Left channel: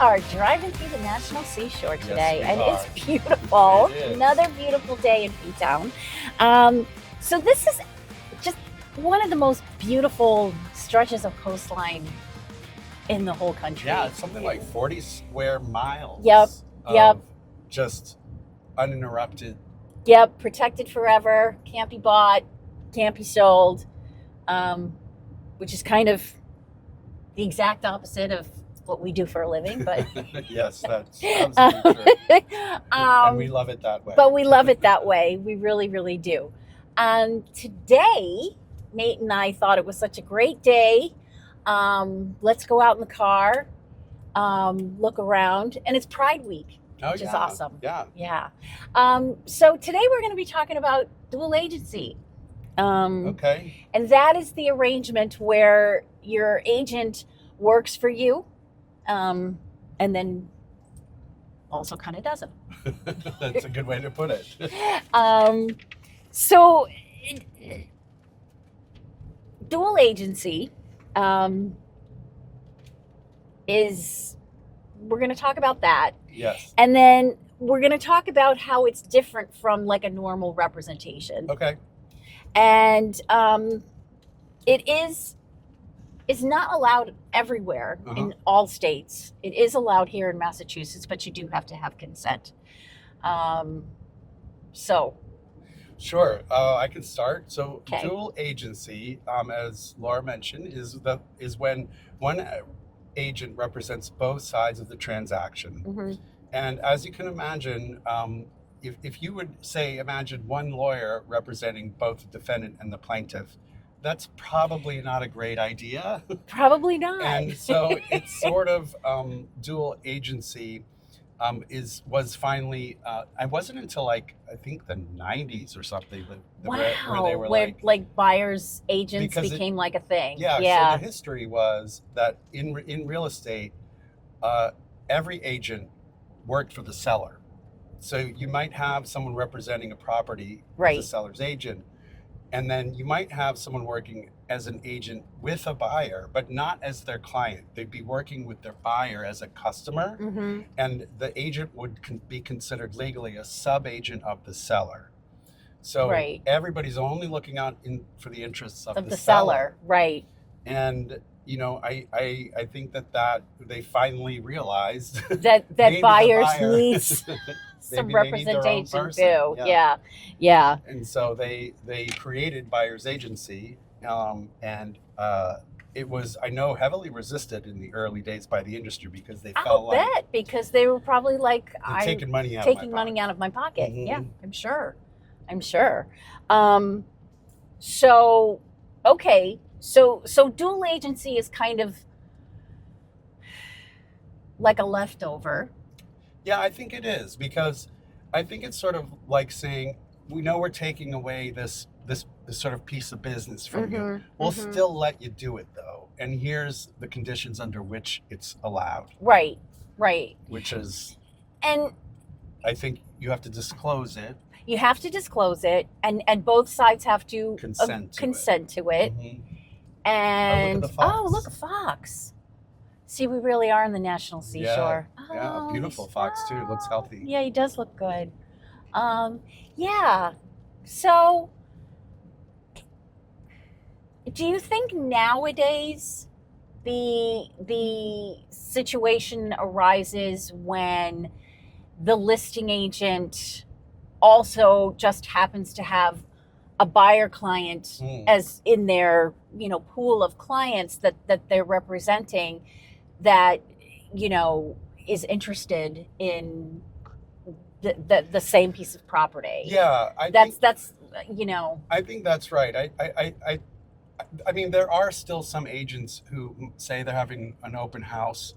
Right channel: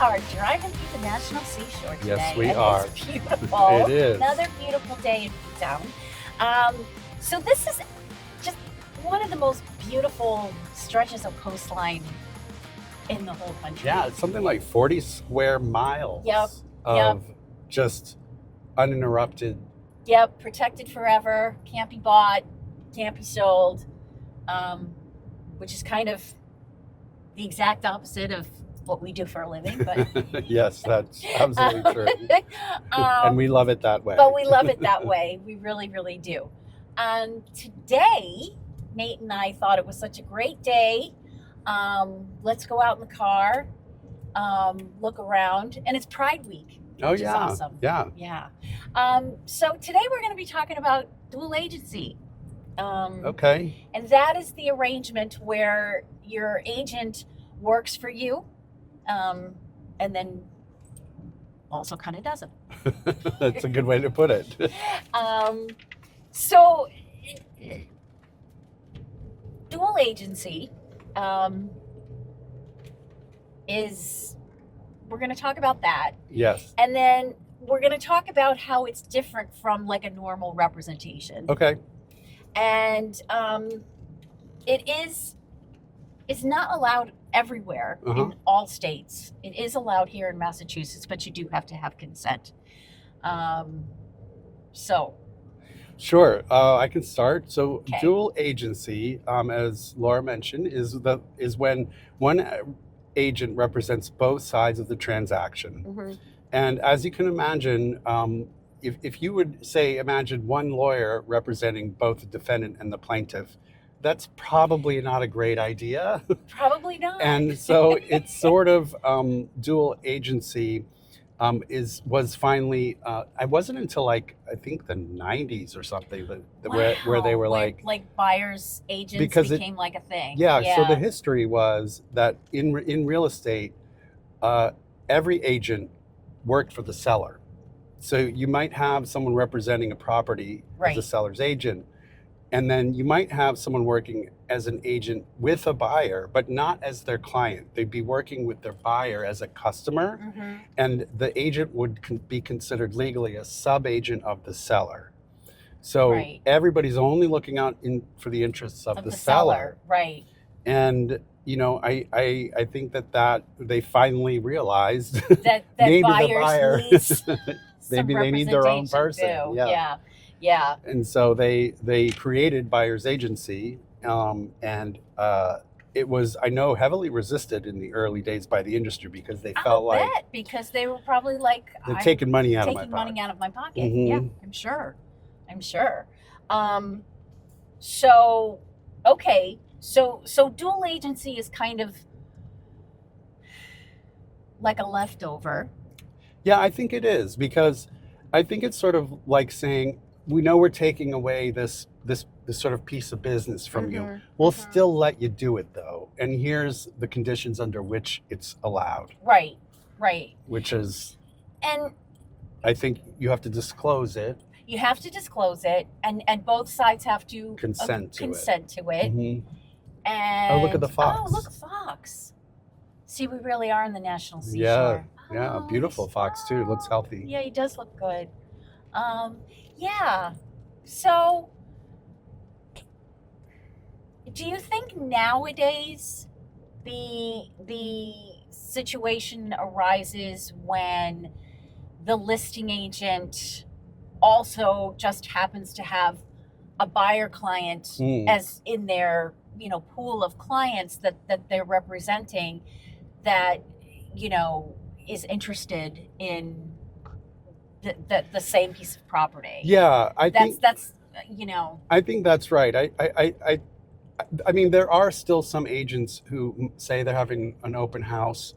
are driving through the National Seashore today. Yes, we and are. It's beautiful. It is. Another beautiful day in Provincetown. So this is just one of the most beautiful stretches of coastline in the whole country. Yeah, it's something like 40 square miles Yep. of just uninterrupted. Yep, protected forever, can't be bought, can't be sold, which is kind of the exact opposite of what we do for a living. But Yes, that's absolutely true. And we love it that way. But we love it that way. We really, really do. And today, Nate and I thought it was such a great day. Let's go out in the car, look around, and it's Pride Week. Which is awesome. Yeah. Yeah. So today we're going to be talking about dual agency. Okay. And that is the arrangement where your agent works for you, and then also kind of doesn't. That's a good way to put it. So dual agency is, we're going to talk about that. Yes. And then we're going to talk about how it's different from like a normal representation. Okay. And it's not allowed everywhere in all states. It is allowed here in Massachusetts, but you do have to have consent. Sure, I can start. So Okay. Dual agency, as Laura mentioned, is when one agent represents both sides of the transaction. Mm-hmm. And as you can imagine, if you would say, imagine one lawyer representing both the defendant and the plaintiff, that's probably not a great idea. Probably not. And so it's sort of dual agency was finally, it wasn't until like, I think the 90s or something where they were like buyers agents because became like a thing. Yeah. So the history was that in real estate, every agent worked for the seller. So you might have someone representing a property as a seller's agent, and then you might have someone working as an agent with a buyer, but not as their client. They'd be working with their buyer as a customer, and the agent would be considered legally a sub-agent of the seller. So everybody's only looking out for the interests of the seller. Right. And I think that they finally realized that buyers need some maybe they need their own person. Too. Yeah. And so they created buyer's agency, and it was, I know, heavily resisted in the early days by the industry because they felt like because they were probably like, they're taking money out of my pocket. Yeah, I'm sure. So okay. So dual agency is kind of like a leftover. Yeah, I think it is, because I think it's sort of like saying, we know we're taking away this sort of piece of business from you. We'll still let you do it though. And here's the conditions under which it's allowed. Right. Which is, and I think you have to disclose it. You have to disclose it, and both sides have to consent to it. And look at the fox. Oh, look, a fox. See, we really are in the National Seashore. Yeah, a beautiful fox too. Looks healthy. Yeah, he does look good. Yeah. So, do you think nowadays the situation arises when the listing agent also just happens to have a buyer client as in their pool of clients that they're representing, that is interested in the same piece of property? Yeah, I think that's right. I mean, there are still some agents who say they're having an open house,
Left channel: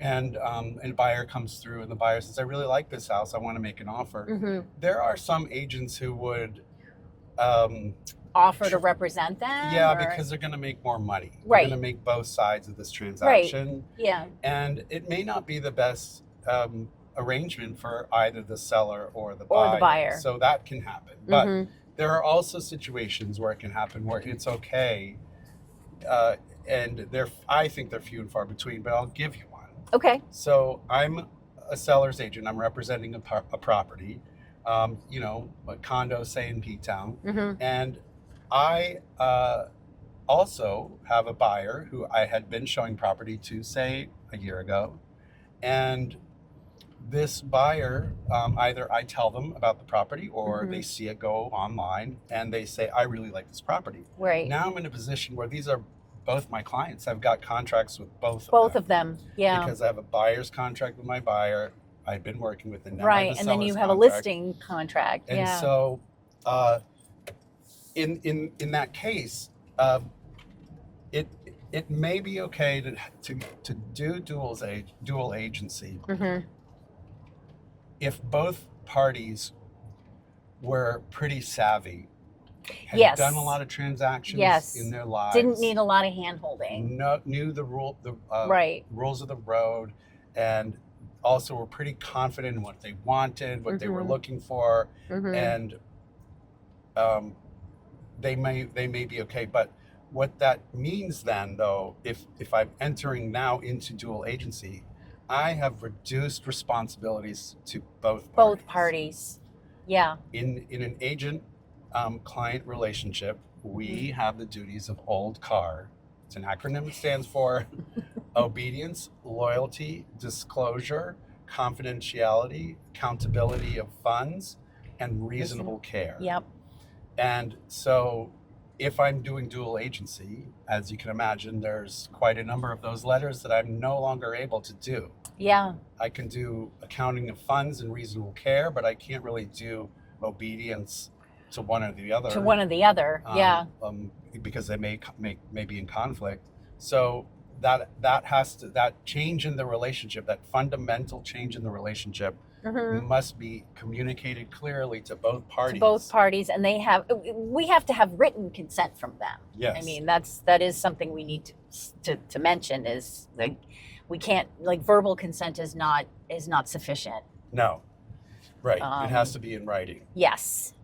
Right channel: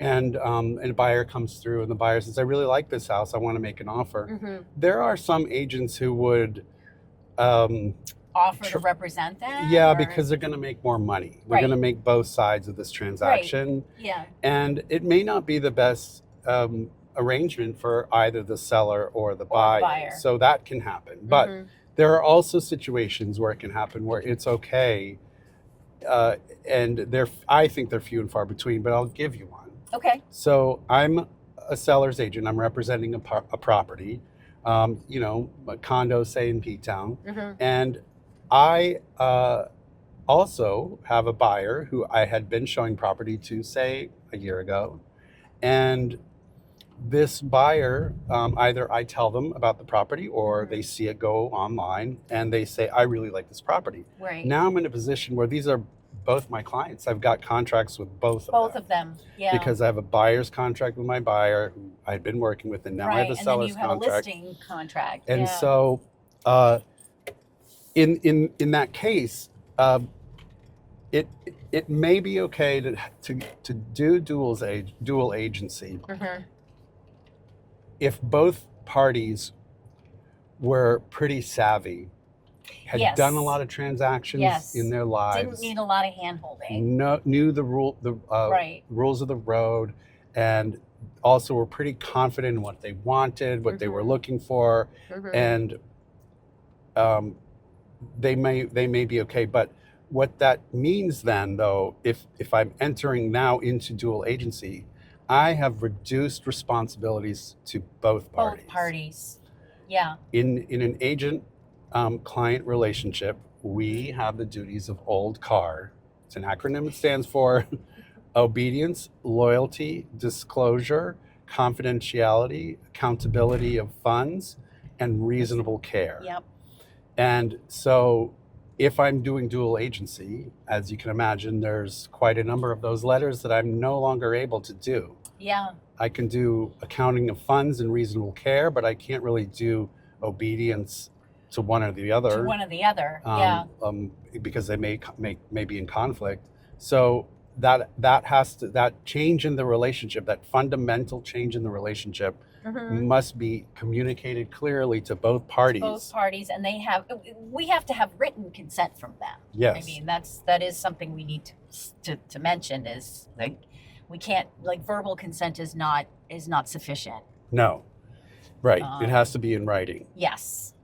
and a buyer comes through, and the buyer says, I really like this house, I want to make an offer. There are some agents who would offer to represent them. Yeah, because they're going to make more money. They're going to make both sides of this transaction. Yeah. And it may not be the best arrangement for either the seller or the buyer. So that can happen. But there are also situations where it can happen where it's okay. And I think they're few and far between, but I'll give you one. Okay. So I'm a seller's agent. I'm representing a property, a condo, say in P-Town. And I also have a buyer who I had been showing property to, say, a year ago. And this buyer, either I tell them about the property or they see it go online and they say, I really like this property. Right. Now I'm in a position where these are both my clients. I've got contracts with both of them. Yeah. Because I have a buyer's contract with my buyer who I've been working with, and now I have a seller's contract. And then you have a listing contract. And so in that case, it may be okay to do dual agency if both parties were pretty savvy, had done a lot of transactions in their lives, didn't need a lot of hand-holding, knew the rules of the road, and also were pretty confident in what they wanted, what they were looking for, and they may be okay. But what that means then, though, if I'm entering now into dual agency, I have reduced responsibilities to both parties. Both parties. Yeah. In an agent client relationship, we have the duties of old CAR. It's an acronym. It stands for obedience, loyalty, disclosure, confidentiality, accountability of funds, and reasonable care. Yep. And so if I'm doing dual agency, as you can imagine, there's quite a number of those letters that I'm no longer able to do. Yeah. I can do accounting of funds and reasonable care, but I can't really do obedience to one or the other. Because they may be in conflict. So that change in the relationship, that fundamental change in the relationship, must be communicated clearly to both parties. And we have to have written consent from them. Yes. I mean, that is something we need to mention, is like, we can't, like, verbal consent is not sufficient. No. Right. It has to be in writing. Yes.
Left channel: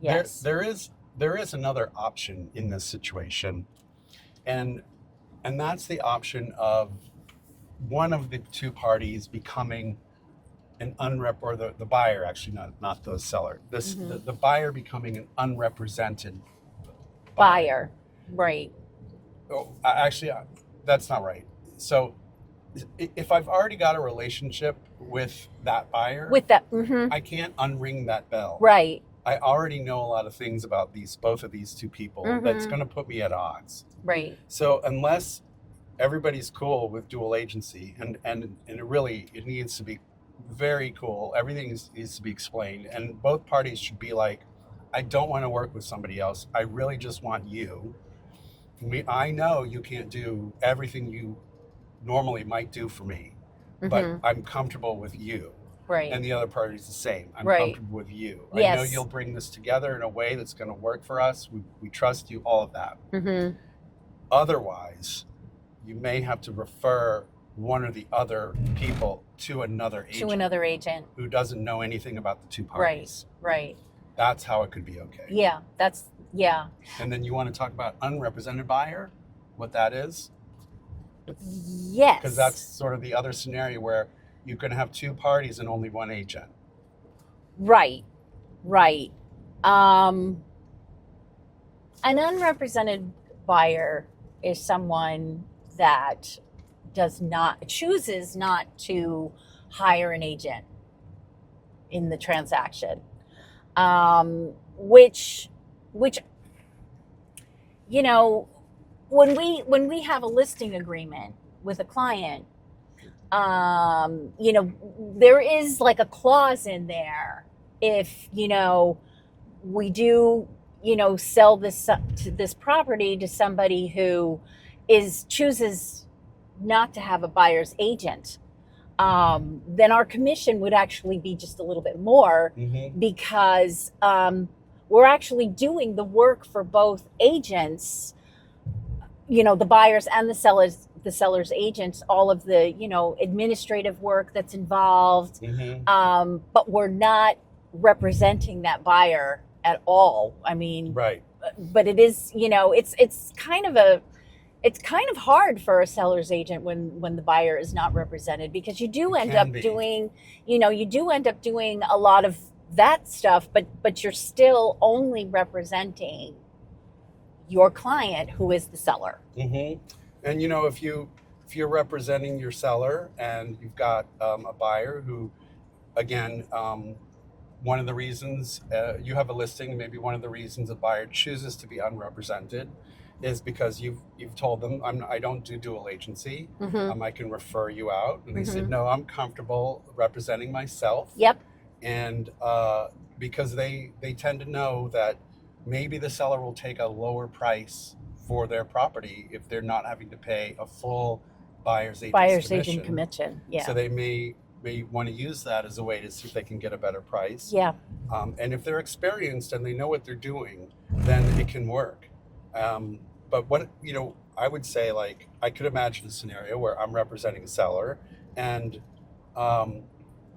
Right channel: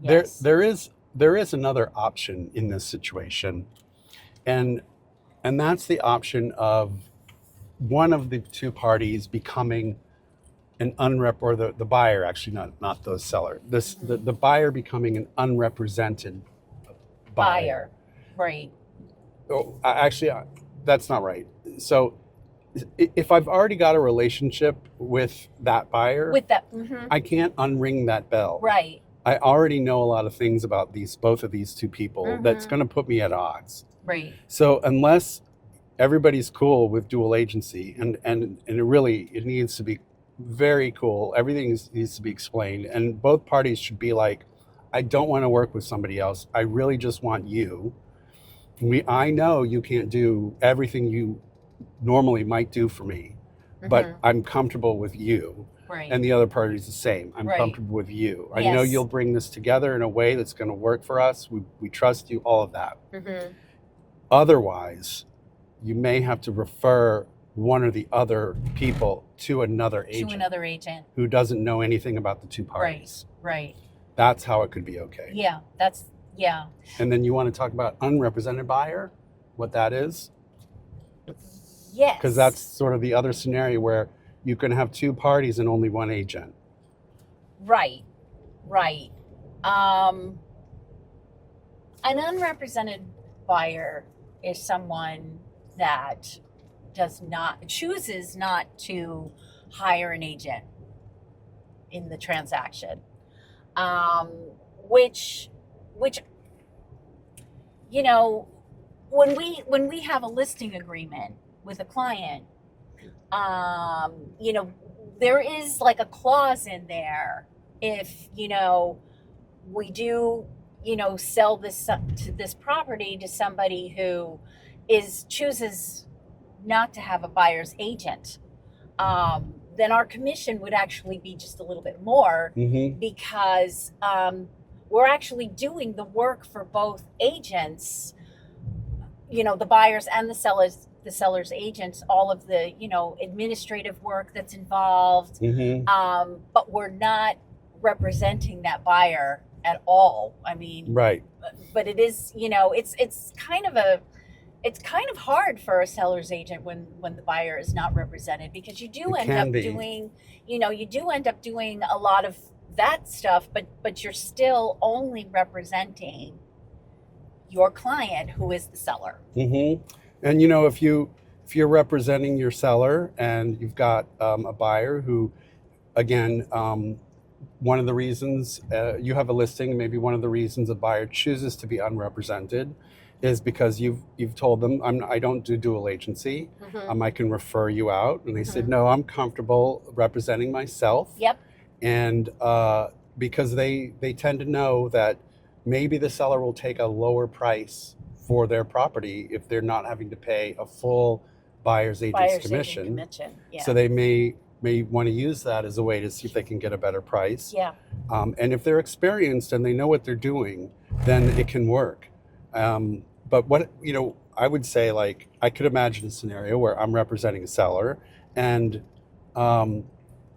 There is another option in this situation, and that's the option of one of the two parties becoming an or the buyer, actually, not the seller. The buyer becoming an unrepresented buyer. Right. Oh, actually, that's not right. So if I've already got a relationship with that buyer, I can't unring that bell. Right. I already know a lot of things about both of these two people that's going to put me at odds. Right. So unless everybody's cool with dual agency, and it needs to be very cool, everything needs to be explained, and both parties should be like, I don't want to work with somebody else. I really just want you. I know you can't do everything you normally might do for me, but I'm comfortable with you. Right. And the other party is the same. I'm comfortable with you. I know you'll bring this together in a way that's going to work for us. We trust you, all of that. Otherwise, you may have to refer one or the other people to another agent. Who doesn't know anything about the two parties. Right. That's how it could be okay. Yeah. And then you want to talk about unrepresented buyer, what that is? Yes. Because that's sort of the other scenario where you can have two parties and only one agent. Right. An unrepresented buyer is someone that chooses not to hire an agent in the transaction, which when we have a listing agreement with a client, there is like a clause in there. If, we do, sell this property to somebody who chooses not to have a buyer's agent, then our commission would actually be just a little bit more, because we're actually doing the work for both agents, the buyers and the seller's agents, all of the, administrative work that's involved. But we're not representing that buyer at all. I mean, right. But it is, it's kind of it's kind of hard for a seller's agent when the buyer is not represented, because you do end up doing, you do end up doing a lot of that stuff, but you're still only representing your client, who is the seller. Mm-hmm. And if you're representing your seller and you've got a buyer who, again, one of the reasons you have a listing, maybe one of the reasons a buyer chooses to be unrepresented is because you've told them, I don't do dual agency. Mm-hmm. I can refer you out. And they Mm-hmm. said, no, I'm comfortable representing myself. Yep. And because they tend to know that maybe the seller will take a lower price for their property if they're not having to pay a full buyer's agent commission. Yeah. So they may want to use that as a way to see if they can get a better price. Yeah. And if they're experienced and they know what they're doing, then it can work. But what, I would say, like, I could imagine a scenario where I'm representing a seller and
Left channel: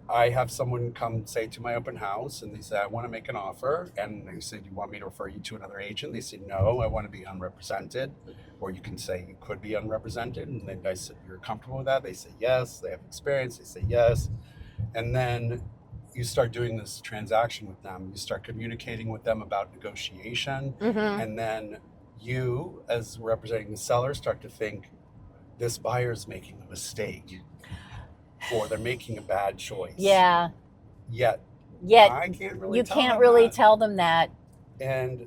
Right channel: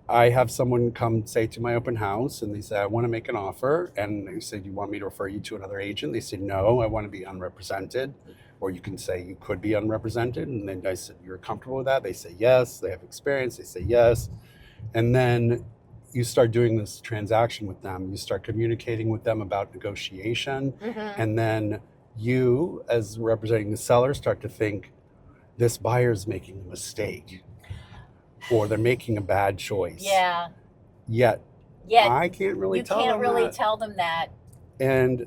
I have someone come say to my open house and they say, I want to make an offer. And they say, do you want me to refer you to another agent? They say, no, I want to be unrepresented. Or you can say you could be unrepresented. And then I said, you're comfortable with that? They say, yes. They have experience. They say, yes. And then you start doing this transaction with them. You start communicating with them about negotiation. Mm-hmm. And then you, as representing the seller, start to think, this buyer's making a mistake. Or they're making a bad choice. Yeah. Yet I can't really tell them that. And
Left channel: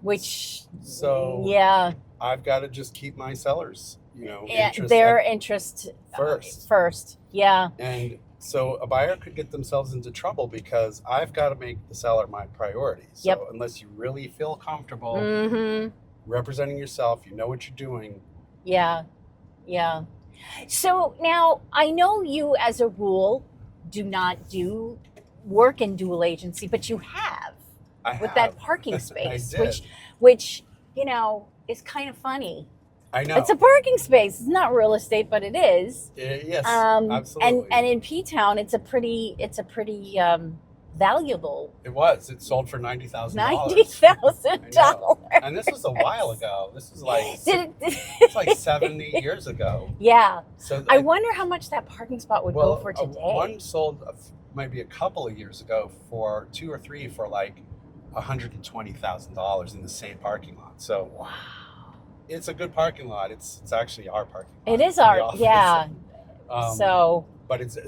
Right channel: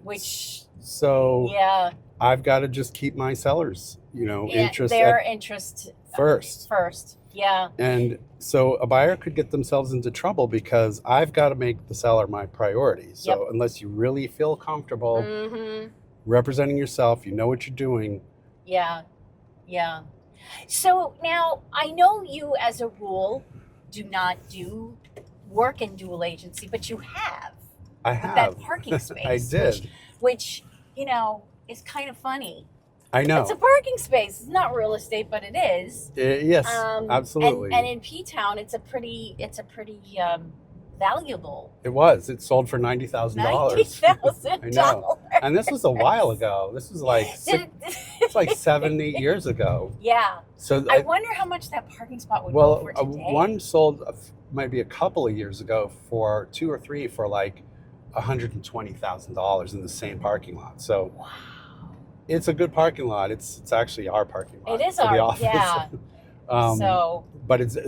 so yeah, I've got to just keep my sellers, interest their interest first. Yeah. And so a buyer could get themselves into trouble because I've got to make the seller my priority. So unless you really feel comfortable mm-hmm. representing yourself, you know what you're doing. Yeah. Yeah. So now, I know you, as a rule, do not do work in dual agency, but you have. With that parking space. I did. Which, is kind of funny. I know. It's a parking space. It's not real estate, but it is. Yes, absolutely. And in P-Town, it's a pretty valuable. It was. It sold for $90,000. $90,000. And this was a while ago. This was like it's like 7, 8 years ago. Yeah. So I wonder how much that parking spot would go for today. One sold maybe a couple of years ago for 2 or 3 for like $120,000 in the same parking lot. So wow. It's a good parking lot. It's actually our parking lot. It is our, yeah.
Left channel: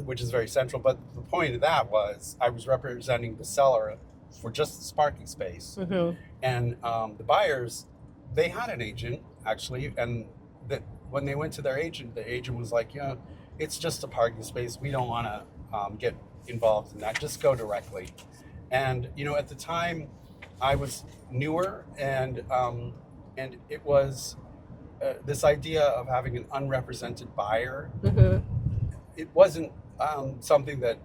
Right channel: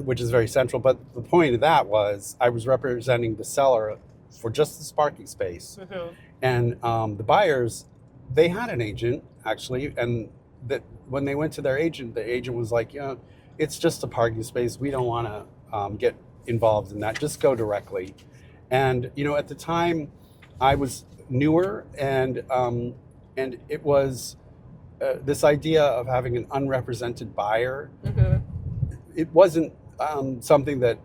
Which is very central. But the point of that was I was representing the seller for just this parking space. Mm-hmm. And the buyers, they had an agent actually. And that when they went to their agent, the agent was like, it's just a parking space. We don't want to get involved in that. Just go directly. And, at the time I was newer and it was this idea of having an unrepresented buyer. Mm-hmm. It wasn't something that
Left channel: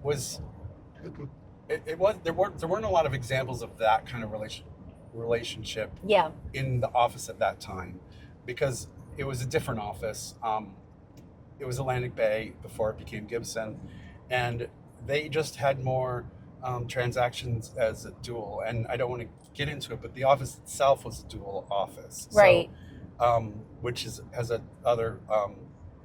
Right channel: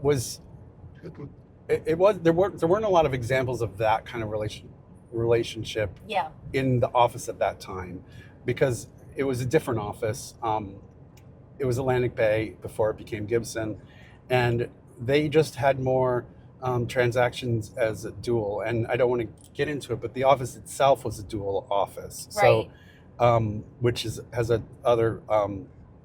was. There weren't a lot of examples of that kind of relationship. Yeah. In the office at that time, because it was a different office. It was Atlantic Bay before it became Gibson, and they just had more transactions as a dual. And I don't want to get into it, but the office itself was a dual office. Right. So, which has a other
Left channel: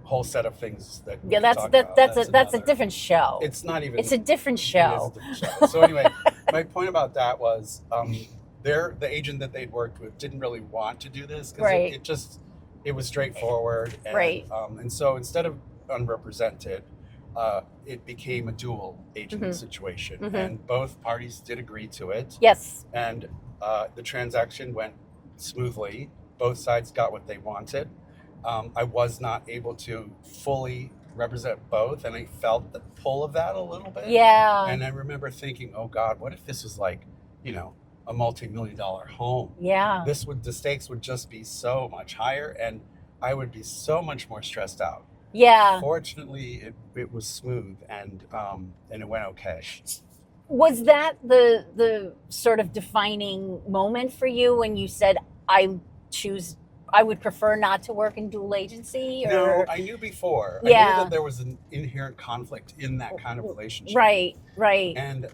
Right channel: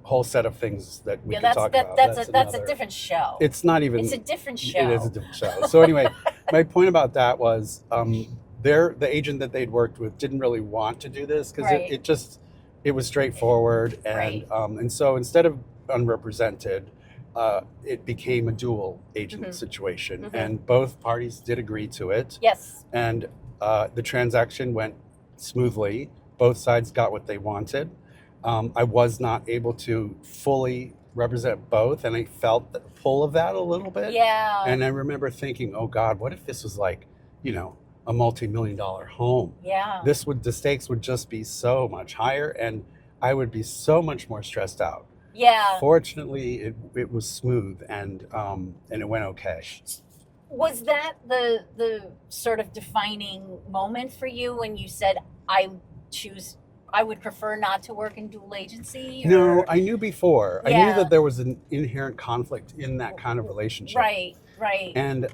whole set of things that we can talk about. That's a different show. It's not even. It's a different show. It is a different show. So anyway, my point about that was the agent that they'd worked with didn't really want to do this because it was straightforward. And, right. And so instead of unrepresented, it became a dual agent mm-hmm. situation, mm-hmm. and both parties did agree to it. Yes. And the transaction went smoothly. Both sides got what they wanted. I was not able to fully represent both, and I felt the pull of that a little bit. Yeah. And I remember thinking, oh God, what if this was like, a multi-million-dollar home? Yeah. The stakes would just be so much higher, and I would be so much more stressed out. Yeah. Fortunately, it was smooth, and it went okay. Was that the sort of defining moment for you when you said, I would prefer not to work in dual agency? Or? No, I knew before. Yeah. I knew that there was an inherent conflict in that kind of relationship. Right. And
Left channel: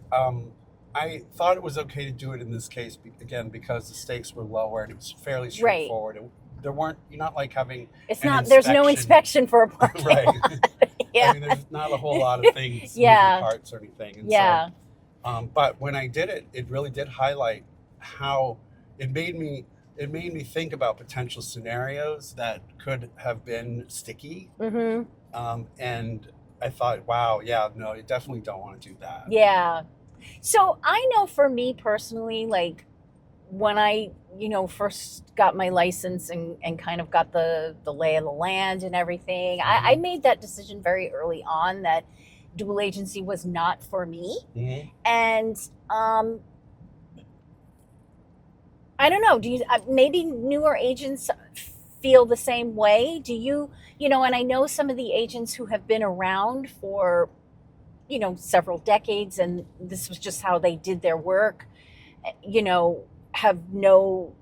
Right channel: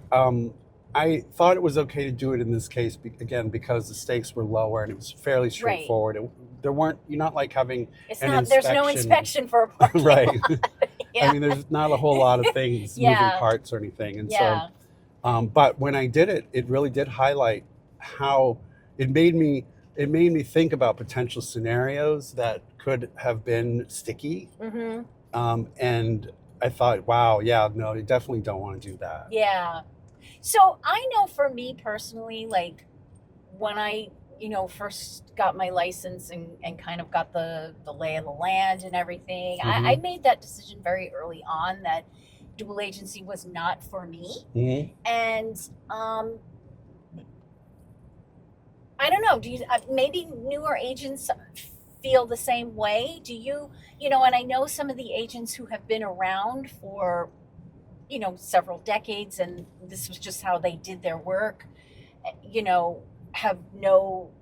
I thought it was okay to do it in this case, again, because the stakes were lower and it was fairly straightforward. Right. you're not like having It's an not, there's no inspection for a parking right. lot. Yeah. I mean, there's not a whole lot of things, Yeah. moving parts or anything. And Yeah. so, but when I did it, it really did highlight how it made me think about potential scenarios that could have been sticky. And I thought, wow, yeah, no, you definitely don't want to do that. Yeah. So I know for me personally, like when I, first got my license and kind of got the lay of the land and everything, I made that decision very early on that dual agency was not for me. And I don't know, do you, maybe newer agents feel the same way? Do you, and I know some of the agents who have been around for, several decades, and this was just how they did their work, have no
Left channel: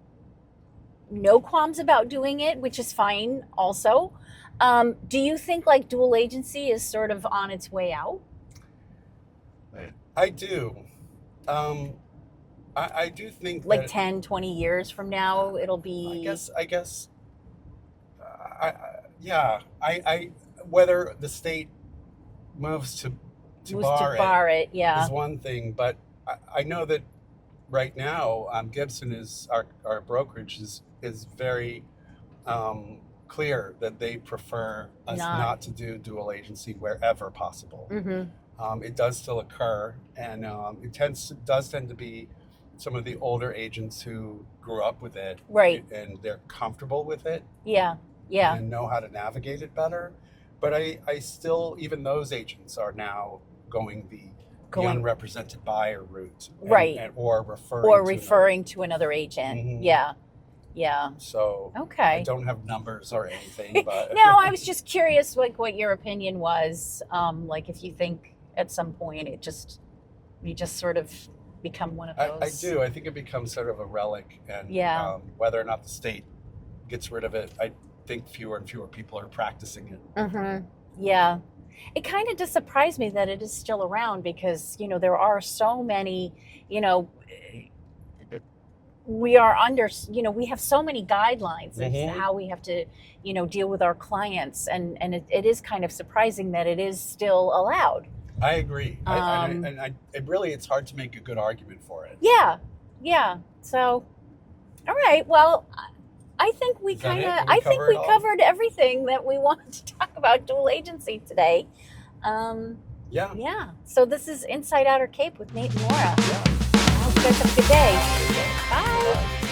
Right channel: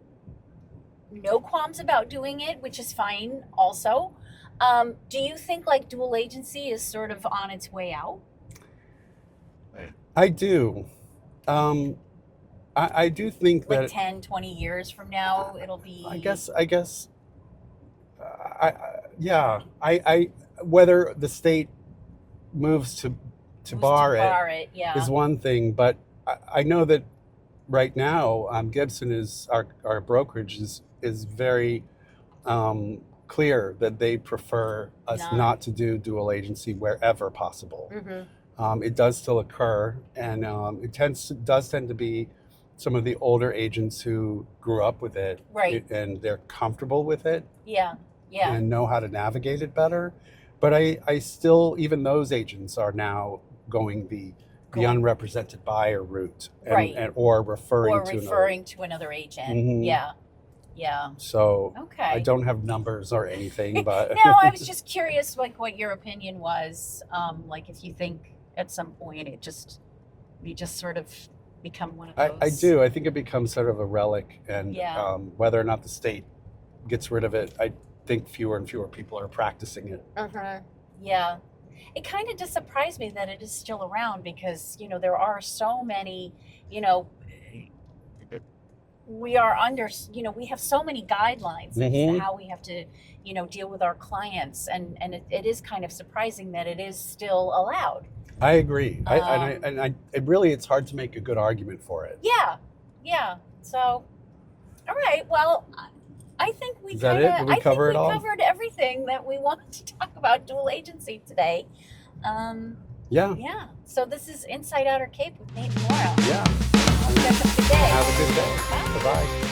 qualms about doing it, which is fine also. Do you think like dual agency is sort of on its way out? I do. I do think like that 10, 20 years from now, it'll be. I guess. Yeah. I whether the state moves to bar it yeah. is one thing, but I know that right now, Gibson is our brokerage is very clear that they prefer us not to do dual agency wherever possible. It does still occur, and it does tend to be some of the older agents who grew up with it, right, and they're comfortable with it, yeah, and know how to navigate it better. But I still, even those agents are now going the unrepresented buyer route, right, or referring to another agent. Yeah. So okay, I don't have numbers or anything, but no, I was just curious, like what your opinion was. Like if you think at some point you just sort of become one of those. I do. I think it becomes sort of a relic, and whether or not the state gets rid of it, I think fewer and fewer people are practicing it. Yeah. It kind of does surprise me that it is still around, because, there are so many, we are under, we have so many guidelines as to how we have to, deal with our clients. And it is kind of surprising that it is still allowed. I agree. It's hard to make a good argument for it. Yeah. So, all right. Well, I think we covered everything that we wanted to talk about dual agency today. Yeah. So this is Inside Outer Cape with Nate and Laura. Yeah. I hope you guys have a good day. Have a good day. Bye. Bye.